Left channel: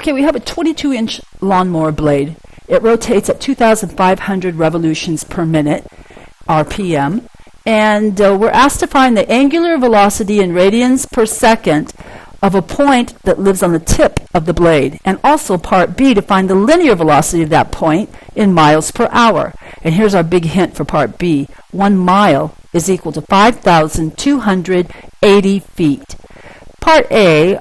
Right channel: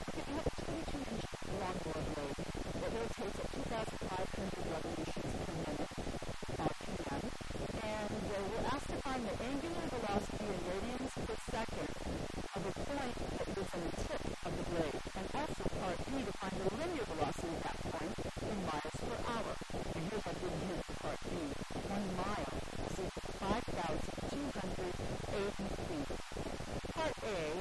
Okay, we have a 22-inch lawnmower blade. It rotates at 2,500 revolutions per minute, RPM, and we're asked to find the angular velocity in radians per second of a point that lives on the tip of the blade, and also part B to find the linear velocity of that point in miles per hour. And here's our big hint for part B. 1 mile is equal to 5,280 feet. Part A,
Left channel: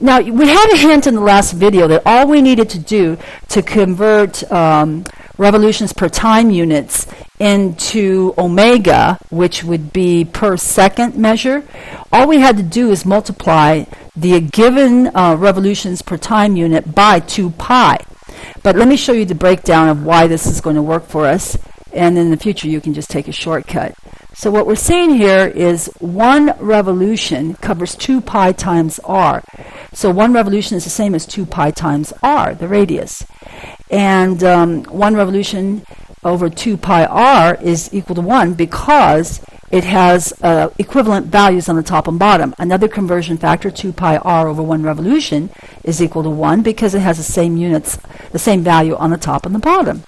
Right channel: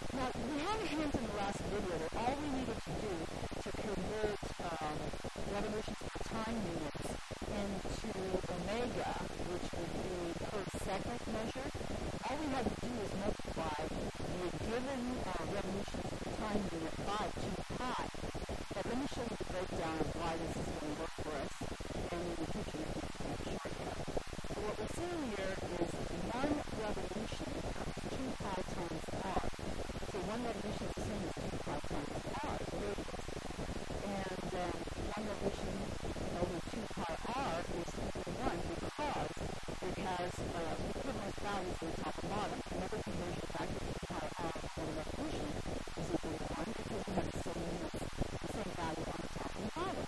now we had a hint in the last video that all we needed to do to convert revolutions per time units into omega, which would be per second measure, all we had to do is multiply the given revolutions per time unit by 2 pi. But let me show you the breakdown of why this is going to work for us, and in the future you can just take a shortcut. So what we're seeing here is 1 revolution covers 2 pi times r. So 1 revolution is the same as 2 pi times r, the radius. And 1 revolution over 2 pi r is equal to 1 because it has equivalent values on the top and bottom. Another conversion factor, 2 pi r over 1 revolution, is equal to 1 because it has the same units, the same value on the top and the bottom.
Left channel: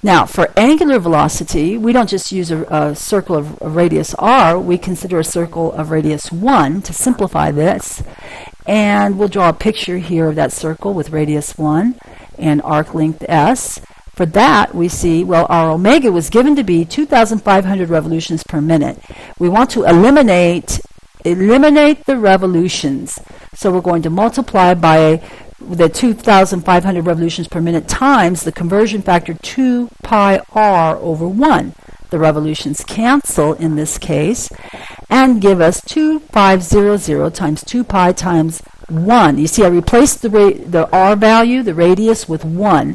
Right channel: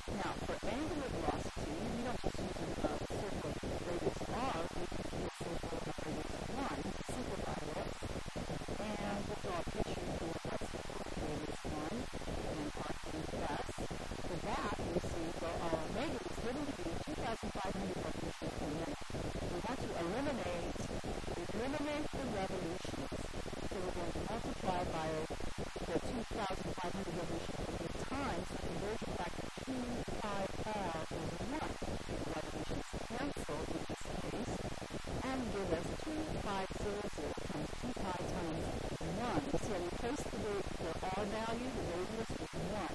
Now, for angular velocity, we don't just use a circle of radius r, we consider a circle of radius 1 to simplify this. And we'll draw a picture here of that circle with radius 1 and arc length s. For that, we see, well, our omega was given to be 2,500 revolutions per minute. We want to eliminate the revolutions. So we're going to multiply by the 2,500 revolutions per minute times the conversion factor 2 pi r over 1. The revolutions cancel in this case and give us 2,500 times 2 pi times 1. You see, I replaced the r value, the radius, with 1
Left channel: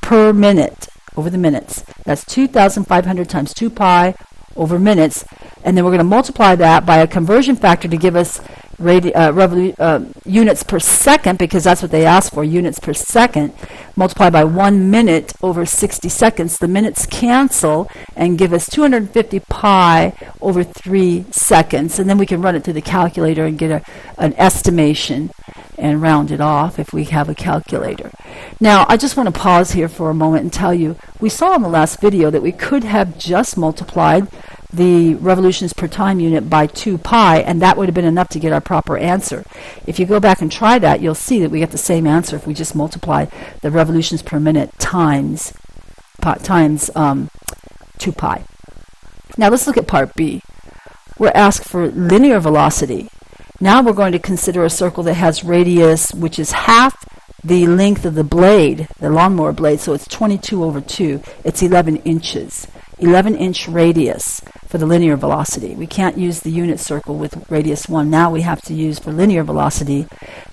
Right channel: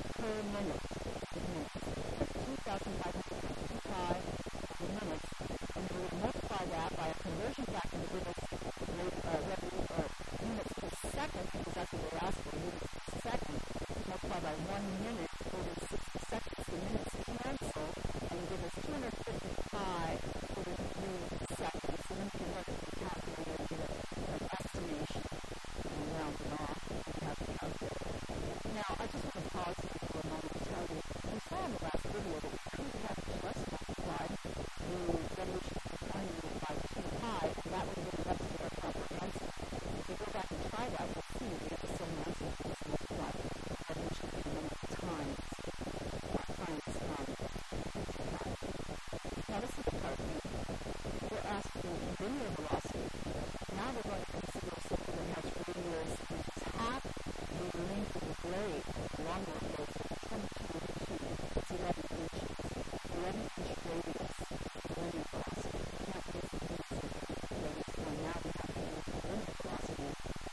per minute over the minutes. That's 2,500 times 2 pi over minutes. And then we're going to multiply that by a conversion factor to give us units per second, because that's what they asked for, units per second, multiplied by 1 minute over 60 seconds. The minutes cancel and give us 250 pi over 3 seconds. And then we can run it through the calculator and get an estimation and round it off if we have a calculator. Now, I just want to pause here for a moment and tell you, we saw in the last video that we could have just multiplied the revolutions per time unit by 2 pi, and that would have been enough to get our proper answer. If you go back and try that, you'll see that we get the same answer if we just multiply the revolutions per minute times 2 pi. Now let's look at part B. We're asked for linear velocity. Now we're going to consider a circle that has radius which is half the length of the blade, the lawnmower blade, so it's 22 over 2. It's 11 inches. 11-inch radius for the linear velocity. We can't use the unit circle with radius 1. Now we have to use, for linear velocity,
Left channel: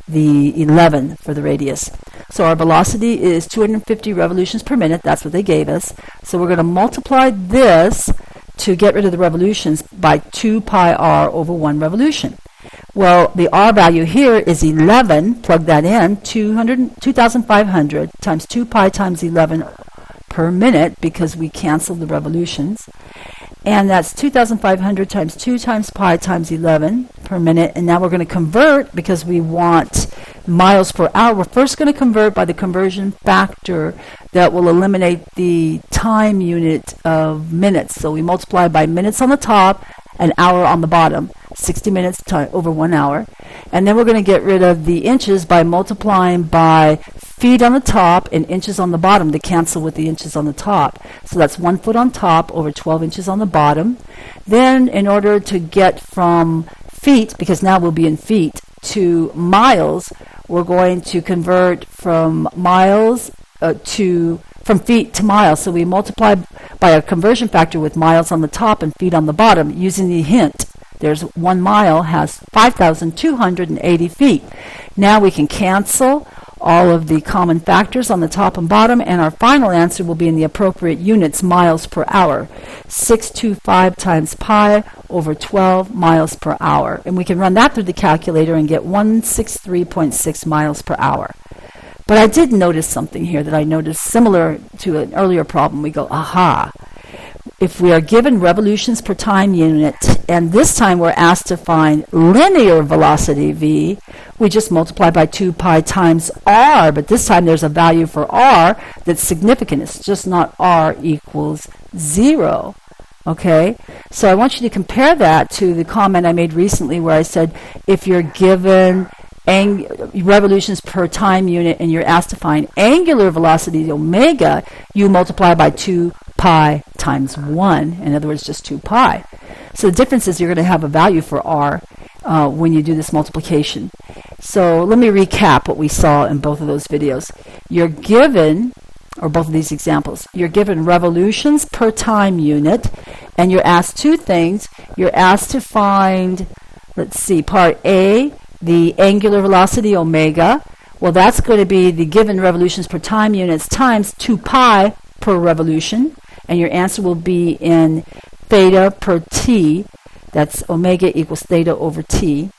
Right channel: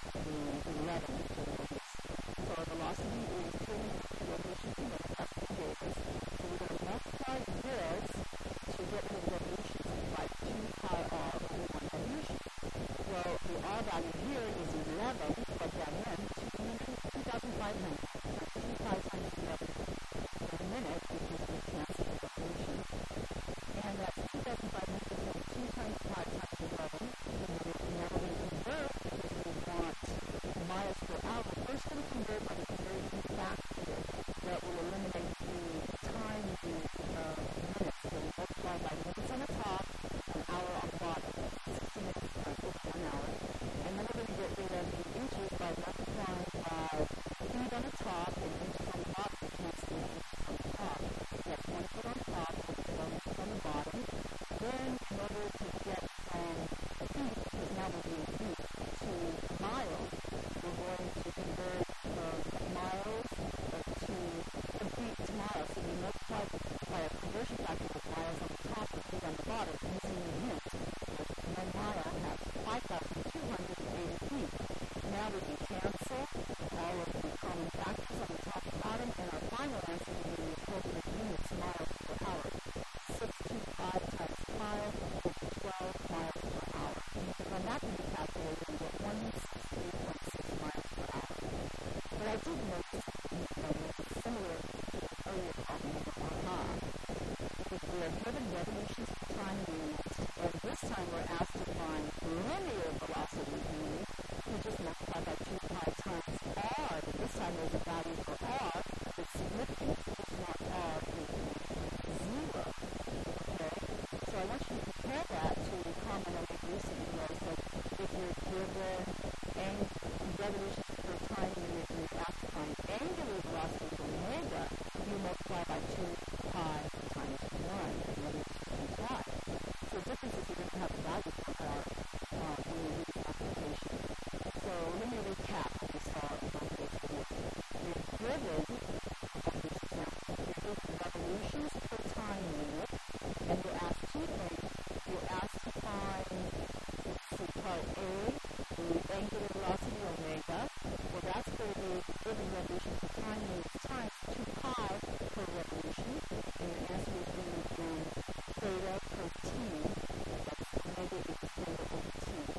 the 11 for the radius. So our velocity is 250 revolutions per minute. That's what they gave us. So we're going to multiply this to get rid of the revolutions by 2 pi r over 1 revolution. Well, the r value here is 11. Plug that in. 2,500 times 2 pi times 11 per minute, because we canceled the revolutions. And that's 2,500 times 2 times pi times 11 per minute. And now we're going to convert, because we want miles per hour. We're first going to convert by the conversion factor that will eliminate the time unit of minutes. So we multiply by minutes on the top and hour on the bottom. 60 minutes over 1 hour. And then we're going to get rid of the inches by multiplying by feet on the top and inches on the bottom to cancel with the inches on the top. So that's 1 foot on top over 12 inches on the bottom. Then in order to get from feet, because now we'll be in feet, to miles, we're going to convert from miles from feet to miles. So we multiply by a conversion factor with miles on the top and feet on the bottom using the hint. There's 1 mile has 5,280 feet. Now we can cancel all of the common factors on the top and bottom, and our final answer will be in the appropriate units, miles per hour. 625 times pi over 12 miles per hour. And we can run that through the calculator and get 163.6 miles per hour. But I did notice something here that I noticed similar to an earlier problem. We go, aha. If we are given revolutions per time unit, and this time we're asked to find linear velocity v, we just multiply by 2 pi times r, but this time there's a value for r that's significant. It's just not r equals 0. Okay, so I want you to compare that to the comment I made recently where I said if you're given revolutions per time unit and you're asked to find angular velocity omega, you multiply by 2 pi times 1. In other words, just 2 pi. So the difference is you're going to have a value for r when you do this multiplication. So let me recap what we saw in both of those videos. You're given, or both of these examples, you're given revolutions per time unit, and you're asked two things. You're asked to find, let's see, part A, the angular velocity omega. Well, that's going to be the given revolutions per time units times 2 pi per revolution, and your answer will be in theta per t. That's omega equals theta over t.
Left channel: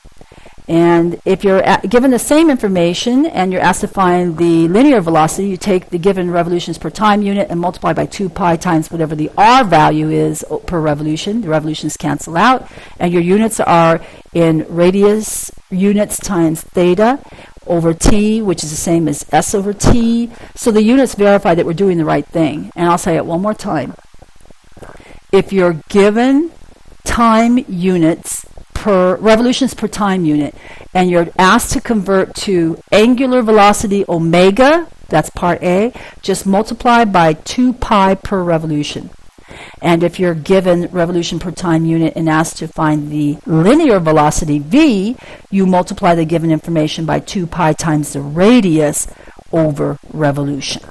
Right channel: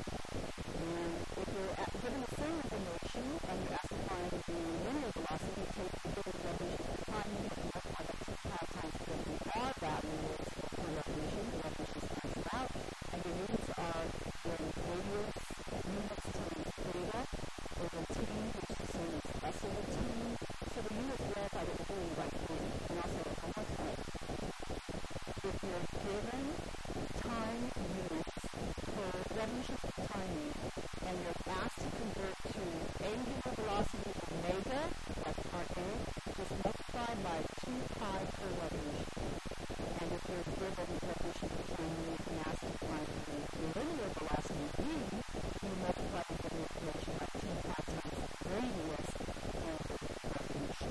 And if you're given the same information and you're asked to find the linear velocity, you take the given revolutions per time unit and multiply by 2 pi times whatever the r value is per revolution. The revolutions cancel out, and your units are in radius units times theta over t, which is the same as s over t. So the units verify that we're doing the right thing. And I'll say it one more time. If you're given time units per revolutions per time unit, and you're asked to convert to angular velocity omega, that's part A, just multiply by 2 pi per revolution. And if you're given revolution per time unit and asked to find the linear velocity v, you multiply the given information by 2 pi times the radius over revolution.